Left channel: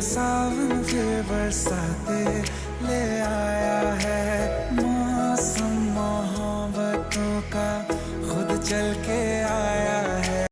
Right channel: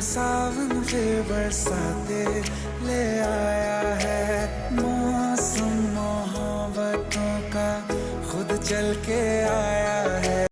सावन फिर बरसाते ले आया है। मौसम मोहब्बतों का खुद चल के आया है।